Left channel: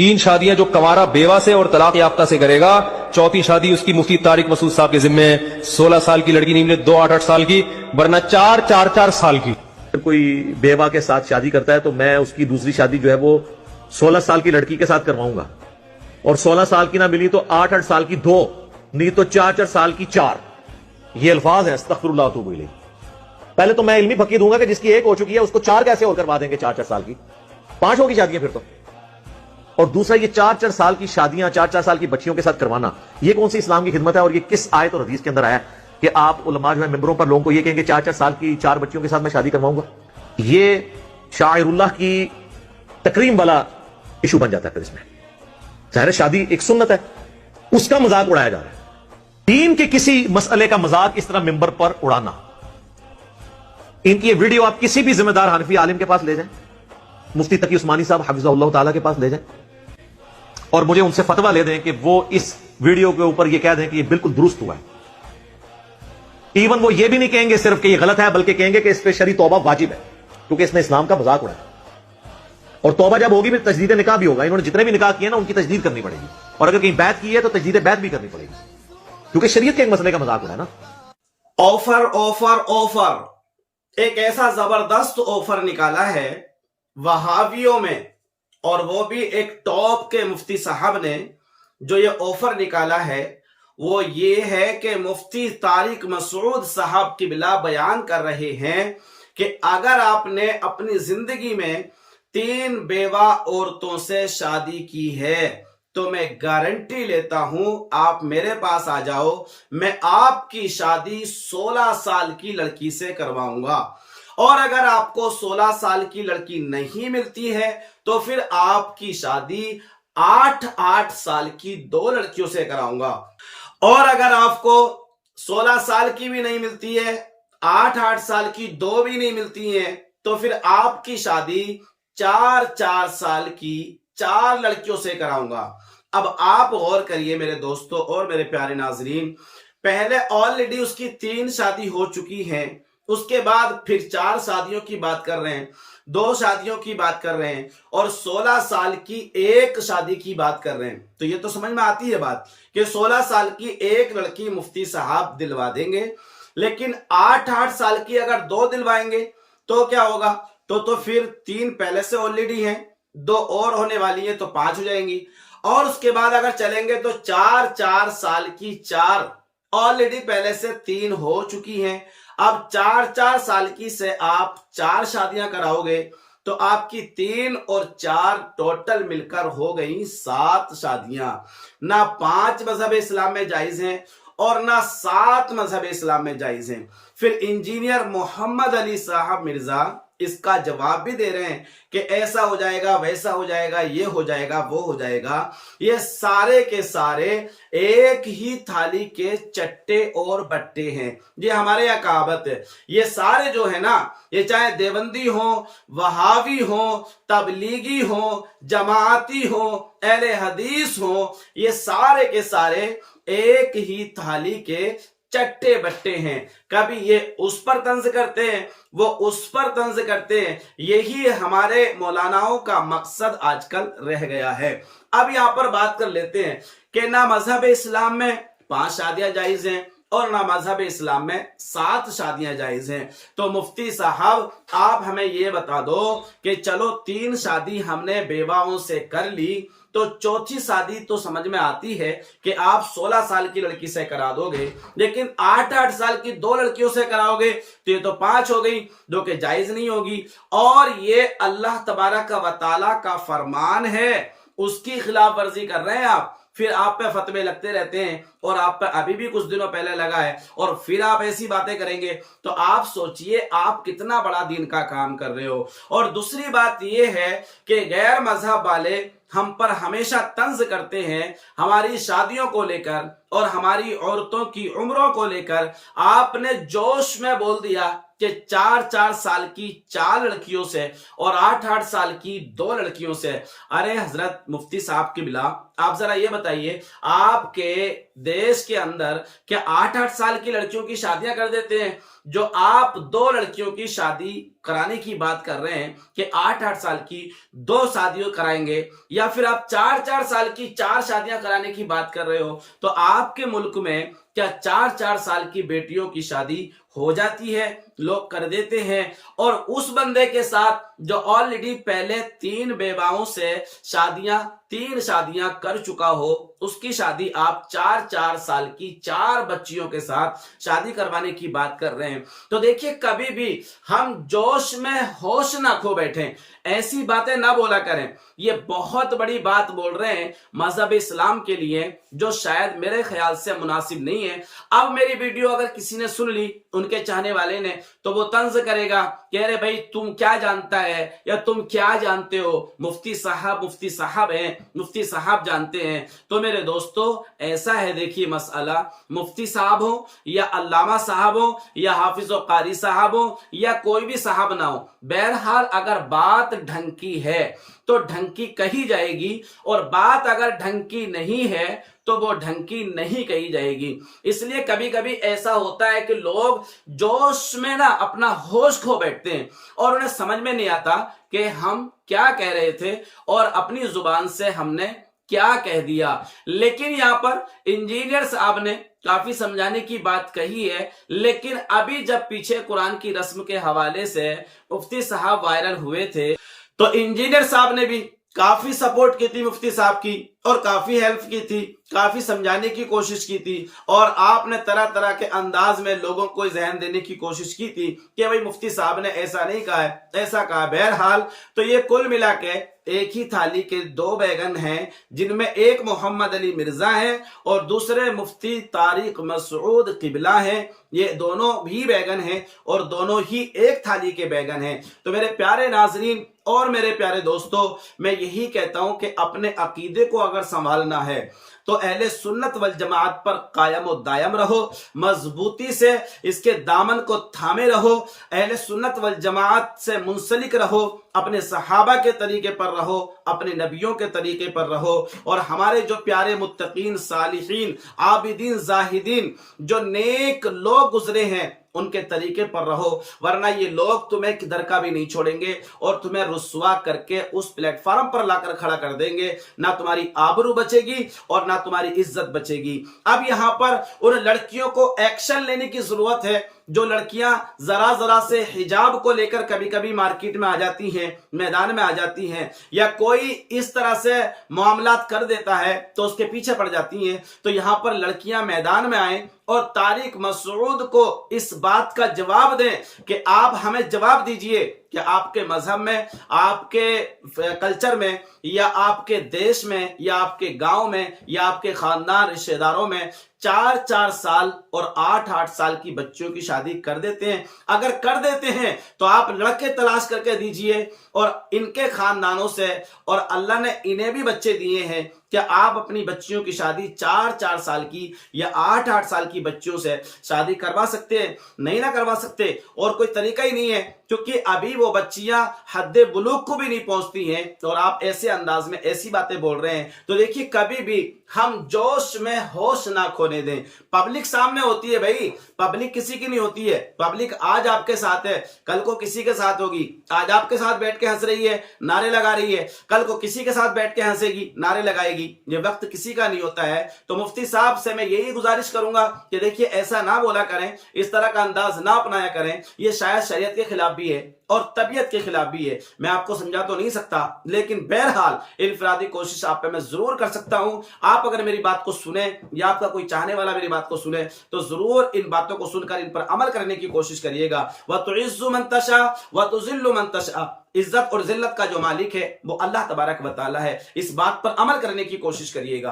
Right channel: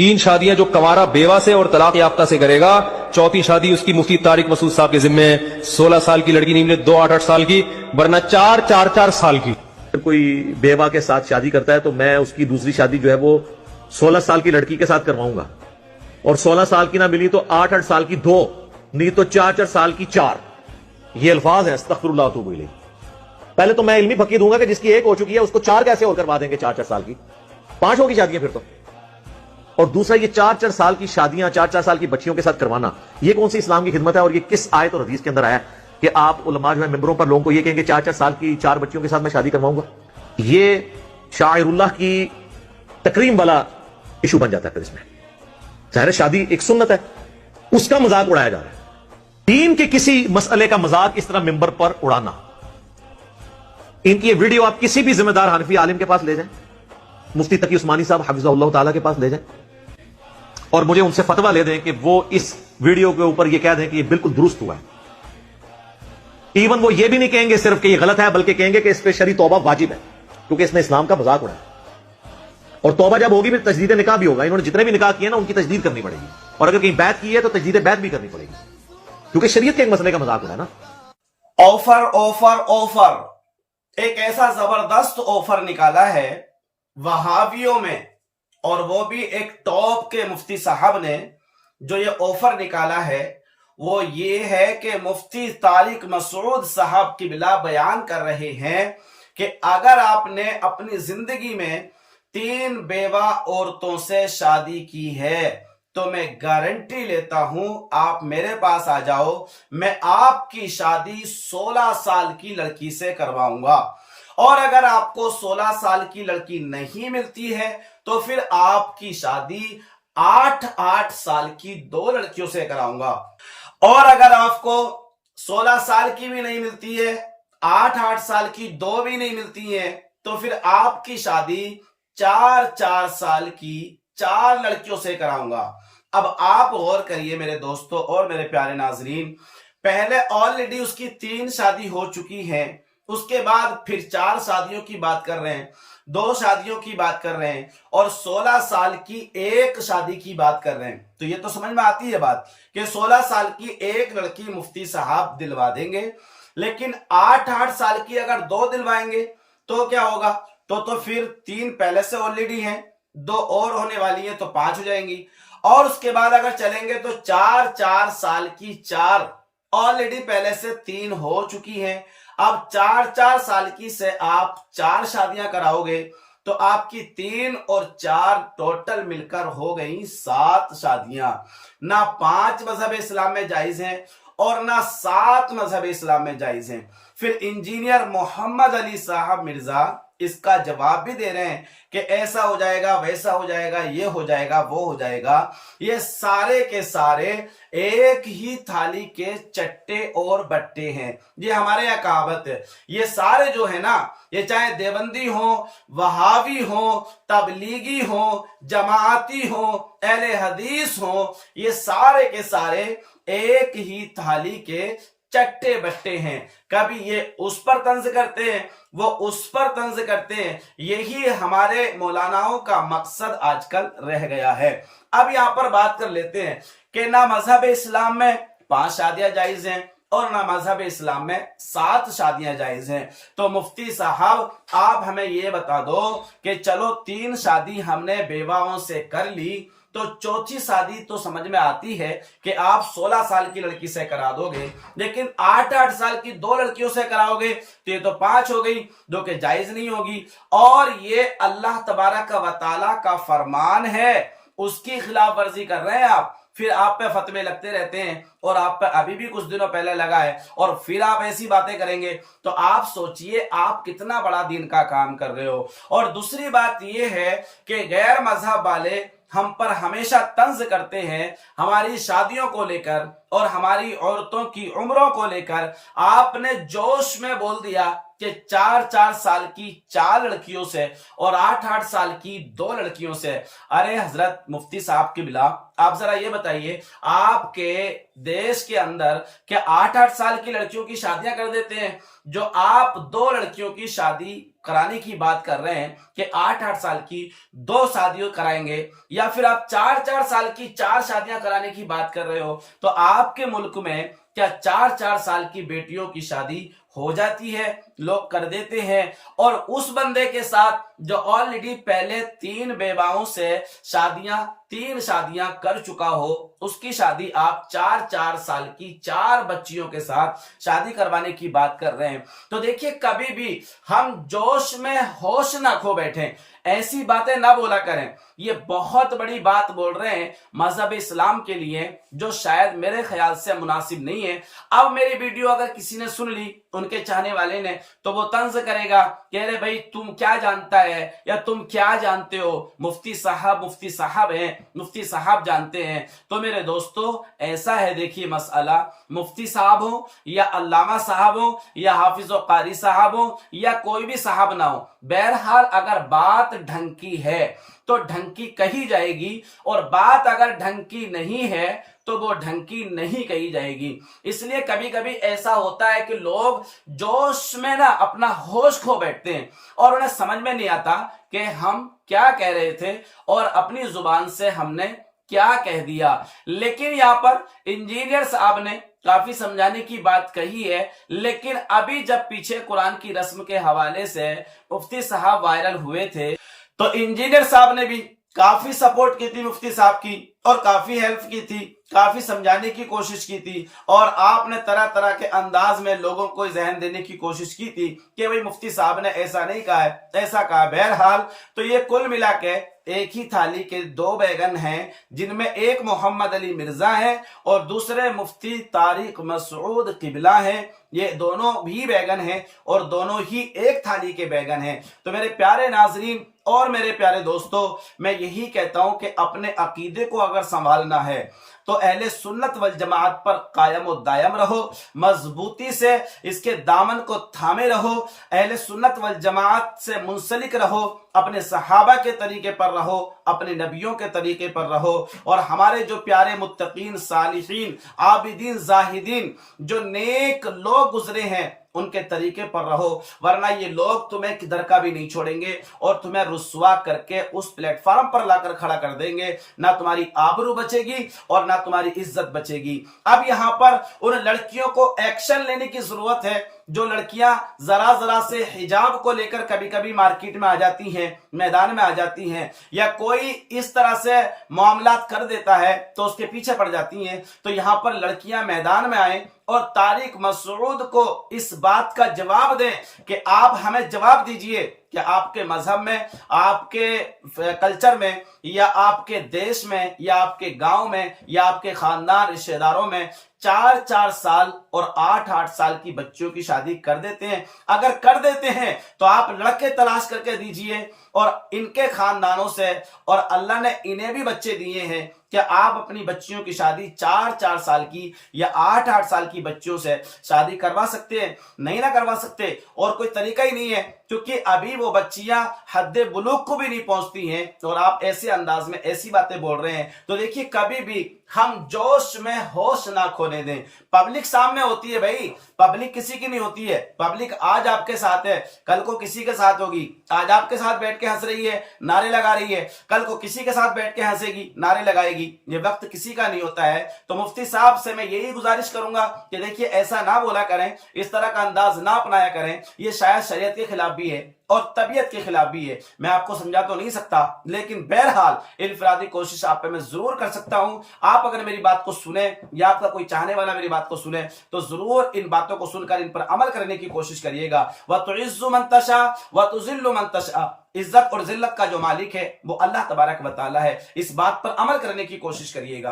3 शादियां जो कंवारा बेवा से और तलाक याफ्ता से करेगा, चौथी शादी उसकी मुफ्ती तारिक मसूद साहब के जिम्मे है। 16 साल की लड़की नहीं मिले 2 8 8 साल की, वरना 4 साल की। अगर कोई बेवा के साथ शादी करता है तो मैं उसकी दूसरी शादी जो है वो 16 साल की लड़की के साथ करवाऊंगा, और 16 साल की ना मिली तो 8 8 साल की 2, नहीं तो 4 4 साल की 4। ये अल्फाज हैं, अस्तगफिरुल्लाह व अतूबु इलैह। पहले तो मैं इल्मी फकी दूंगा कि जिसकी एक हो चुकी है उसको 4 कैसे और करवा देंगे 4 4 साल की, 5 होगी शादियां फिर तो। और दूसरा, ये 4 4 साल की शादियां 4 4 साल की बच्चियों के साथ करवाना, ये कौन सी इस्लाम की खिदमत है? और ये किस आयत और हदीस के अंदर आया है कि आप उलमा जो है मिंबरों पर लोगों को ये कहेंगे 4 4 साल की 4 बच्चियों के साथ मैं शादी करवाऊंगा? ये शाइरुल्लाह की तकरीम वाला इशू बन जाता है। फिर इसमें जाहिर शादी एक सुन्नत है, उसका मजाक उड़ाया जा रहा है। दीन के किसी मसले का मजाक इस तरह मिंबर पर उड़ाना, इनकी ये वीडियो आप किसी भी जिम्मेदार हनफी आलिम के पास ले जाएं, मुफ्ती तकी उस्मानी साहब हफिज़हुल्लाह ताला के पास ले जाएं, और मुझे उनसे फतवा ले दें कि वो इस वीडियो के ऊपर ये कह दें कि ये बिल्कुल दुरुस्त हुआ है। इवन वो ये भी नहीं कहेंगे सिर्फ कि ये गलत है, बल्कि कहेंगे कि इस पे शरई तौबा वाजिब है, क्योंकि इसने इस्लाम का मजाक उड़ाया। और तौबा जब होगी फिर तजदीद निकाह भी होगा। इन्होंने जितने भी निकाह किए ना उनकी तजदीद करनी पड़ेगी, और अगर कहीं बैत की है तो तजदीद बैत भी करनी पड़ेगी, क्योंकि शरीयत के एक मसले का मजाक उड़ाया ना। ऑफर ऑफर ऑफर, एक ऐसा जबरदस्त ऑफर निकाला है वहाबियों में, और वो भी एक टॉप के मुफ्ती साहब ने। जो ये ऑफर निकाला है वो ये है कि मुफ्ती तारिक मसूद साहब की बिला बयान कर रहे हैं कि अगर आपने अपनी जिंदगी में 3 बेवा औरतों से शादी की है तो मैं गारंटी लेता हूं आप मेरे पास आ जाओ, मैं आपकी शादी 16 साल की लड़की से करवाऊंगा। और अगर आपको 16 साल की लड़की नहीं मिलती है तो फिर आपकी शादी 8 8 साल की 2 लड़कियों से कराऊंगा। और अगर आपको 16 साल की भी नहीं मिलती है, 8 8 साल की 2 भी नहीं मिलती है, तो फिर आपकी शादी 4 4 साल की 4 लड़कियों से कराऊंगा। अब आप गौर करिए मेरे दोस्तों और मेरे प्यारे नाजरीन, पहले ऑलरेडी उसकी 3 शादी हो चुकी है, उसके बाद फिर 4 शादियों की बात कर रहे हैं, 2 शादियों की बात कर रहे हैं, और 16 साल की एक शादी की बात कर रहे हैं। तो ये तो समझ में आती है बात कि 16 साल की एक लड़की मुफ्ती साहब दिलवा देंगे, लेकिन 8 8 साल की अगर 2 दिलवाएंगे तो क्या होगा? तो फिर 3 पहले से ऑलरेडी हैं, 2 और होने वाली है तो 5 हो जाएंगी। और उसके बाद अगर चलेंगे तो 4 4 साल की 4 ऑलरेडी पहले से 3 हो चुकी हैं। अब 4 4 साल की से आप 4 शादियां कराओगे तो आपकी 3 और 4 टोटल मिलकर हो गई 7 शादियां। ना 5 मजहब इस्लाम में जायज हैं और ना 7 मजहब इस्लाम में जायज हैं। फिर इंजीनियर मोहम्मद अली साहब मिर्जा इसका जवाब भी दे रहे हैं कि ऐसा हो जाएगा, वैसा हो जाएगा, ये हो जाएगा, वो हो जाएगा। ये सारे के सारे एक ही थाली के चट्टे और बट्टे हैं। ये हमारे यहाँ कहावत है। ये सारे जो है ना, ये चाहे देवबंदी हो, वहाबी हो, तबलीगी हो, जमाअती हो, अहले हदीस हो, ये सारे के सारे एक ही थाली के चट्टे बट्टे हैं। कभी ये उस पर तंज करते हैं, वो उस पर तंज करते हैं। यही हमारे मौलानाओं का मकसद आजकल रह गया है। अब यहां पर बात कर लेते हैं कि ना मजहब इस्लाम में 5 शादियां जायज हैं और ना मजहब इस्लाम में 7 शादियां जायज हैं। तो मुफ्ती साहब आप हमें ये बता दो कि चलो 3 शादी हमने बेवाओं से कर ली, तो चौथी शादी तो समझ में आती है कि आप 16 साल की लड़की से करा दोगे, लेकिन 8 8 साल की 2 लड़कियों से कराओगे तो ये तो 5 हो गई, जो कि जायज नहीं होगी। और ये अल्लाह तबारक व तआला का फरमान है, उसकी खिलाफ वर्जी कर रहे हैं आप। फिर आप पे फतवे लगते रहते हैं, और आप पे अभी भी कुछ दिनों पहले लगा है, और फिर आप ऐसी बातें करेंगे तो आप सोचिए आप कितना बड़ा दीन का काम कर रहे हो। और दूसरी बात यह है कि गैर मजहब वाले हम पर हमेशा तंज करते हैं हमारी शादियों को लेकर और हमारी औरतों की उम्रों को लेकर। आपने जोश में बोल दिया کہ 4-4 साल की 4 लड़कियों से और 8-8 साल की 2 लड़कियों से। अरे हजरत मुफ्ती साहब की बिला, आप जरा ये बताइए, आपके देश के अंदर क्या 8-8 साल की लड़कियों की शादियां कर देते हैं? जो आप 2 लड़कियों की शादी कराने की बात कर रहे हैं कि 8-8 साल की 2 शादियों कराएंगे, या फिर आप 4-4 साल की 4 शादियां कराने की बात कर रहे हो, तो आपके मुल्क में क्या 4-4 साल की बेटियों की शादी हो जाती है? लोग कर देते हैं। और उस बंदे के साथ जो ऑलरेडी पहले 3 बेवाओं से 3 शादियां कर चुका हो, उसकी शादी आप 4-4 साल की 4 बच्चियों के साथ शादी करवाने की बात कर रहे हैं। तो देखिए, कभी भी हम जोश में होश ना खो बैठे, ऐसी बातें ना बोला करें। ये बहुत बड़ी बात बोल रहे हैं मजहब इस्लाम के लिए, जो शायद मेरे ख्याल से मुनासिब नहीं है। अब मेरी वीडियो अगर किसी ने सुन ली, उनके चाहने वाले ने, तो वो तंज करेगा कि अरे भाई तुम क्या जानता है, या तुम क्या जानते हो, मुफ्ती साहब हैं, मुफ्ती साहब जानते हैं। तो मेरे दोस्तों, ऐसा है, देखिए मसला, मुफ्ती साहब हो या अल्लामा साहब हो या हाफिज और कारी साहब हो या कोई भी साहब ना हो, बहरहाल अगर बात ढंग की है तो ढंग की कही जाएगी, और बात अगर ढंग की नहीं है तो वो ढंग की नहीं कही जाएगी। इसलिए कभी कभी ऐसा होता है कि लोग जोश में ना अपना होश खो बैठते हैं और उन्हें समझ में नहीं आता कि हम क्या कह रहे थे और अपनी जुबान से हमने क्या कह दिया। लेकिन यहां पर इंजीनियर साहब ने काफी समझाने की बात कही है, लेकिन अभी जब पीछे कुरान की रस्म के हवाले से मुफ्ती साहब वायरल हुए थे, तो इंजीनियर साहब ने भी काफी सपोर्ट की थी मुफ्ती साहब की, और काफी हेल्प की थी, काफी समझाने की कोशिश की थी, और आपने तरह तरह के अंदाज में लोगों को जहन देने की कोशिश की थी कि भाई मुफ्ती साहब ने ऐसा नहीं कहा है, ऐसा कहा। बहरहाल तो ये कुल मिला के एक ही थाली के 2 बैगन हैं, जिनमें एक मोहम्मद अली मिर्जा है और दूसरे मुफ्ती तारिक मसूद किबला हैं। ये दोनों भी बैगन हैं और दोनों ही एक थाली के बैगन हैं। तो मेरे प्यारे नाजरीन और मेरे प्यारे दोस्तों, मैं यही कहता हूं कि अपने अकीदे को अगर संभालना है तो अहले सुन्नत वल जमात पर कायम व दायम रहो, मजबूती से इसके दामन को थामे रहो, अहले सुन्नत वल जमात से मुंसलिक रहो, अपने सहाबा के तरीके पर रहो, अपने नबियों के तरीके पर रहो, और हमारे जो प्यारे मुत्तकीन, सालिहीन, आबिदीन, जाहिदीन, जो नेक लोग गुजरे हैं, उनके तरीके पर रहो, वरना ये लोग तुम्हें किधर का भी नहीं छोड़ेंगे और तुम्हें रुस्वा करके उस प्लेटफॉर्म पर लाकर खड़ा कर देंगे। ना तुम्हारी आबरू बचेगी और ना तुम्हारी इज्जत बचेगी। अब यहां पर उन लड़कियों को एक्शन लेने की जरूरत है जो लड़कियां जरा जरा से हिजाब को लेकर कभी कभी मार्केट में आ जाती हैं, मैदान में आ जाती हैं, या कोई इस तरह से मामलात कर देता है तो उसके पीछे पड़ जाती हैं। तो यहां पर लड़कियां मैदान में आए और तारिक मसूद को इस बात का जवाब दें कि आप हमें जवाब दीजिए कि आपके मजहब में, आपके कल्चर में, या आपके देश में, या आपके गांव में, या आपके खानदान रिश्तेदारों में 4-4 साल और 8-8 साल की बच्चियों की शादी कर देते हैं। अगर कर देते हैं तो आप लड़के तलाश करके दीजिए और इनके खानदानों से, और अल्लाह ने इन्हें भी बच्चे दिए हैं, क्या आप अपनी बच्चियों की शादी 4-4 साल की या 8-8 साल की बच्चियों से शादी करवा सकते हैं? नहीं ना करवा सकते, और कोई तरीका ही नहीं है, क्योंकि अभी वो बच्चियां हद्दे बुलूग को भी नहीं पहुंचती हैं और आप ऐसे अंदाज में ऐसी बातें बोल रहे हैं। तो देखिए, कभी भी हम जोश में होश ना खोने दें। पब्लिक सामने होती है भाई, पब्लिक किसी की नहीं होती है। पब्लिक आज आपके साथ है, कल को किसी के साथ होगी। आज आपके साथ बैठ के हंस रही है, नारे लगा रही है, कल को किसी के साथ बैठ के हंसेगी, नारे लगाएगी। ये वक्त किसी का नहीं होता है। तो मुफ्ती साहब से मैं यही गुजारिश करूंगा कि देखिए, ऐसा ना बोला करें, इस तरह का अंदाज ना अपनाया करें। ये शायद शरीयत के खिलाफ भी है और तबीयत के खिलाफ भी है। मैं आपको समझा तो नहीं सकता, लेकिन बहरहाल इनफरादी कोशिश आप पे मैं जरूर कर सकता हूं। आप अगर मेरी बात को सुने या आपका कोई चाहने वाला मेरी बात को सुने तो जरूर इन बातों को सुनकर इन पर अमल करने की कोशिश करिएगा। व तुइज़्ज़ु मन तशा व तुज़िल्लु मन तशा। इज्जत और जिल्लत का जो मालिक है वो अल्लाह तबारक व तआला है। इस बात पर अमल करने की कोशिश करिएगा।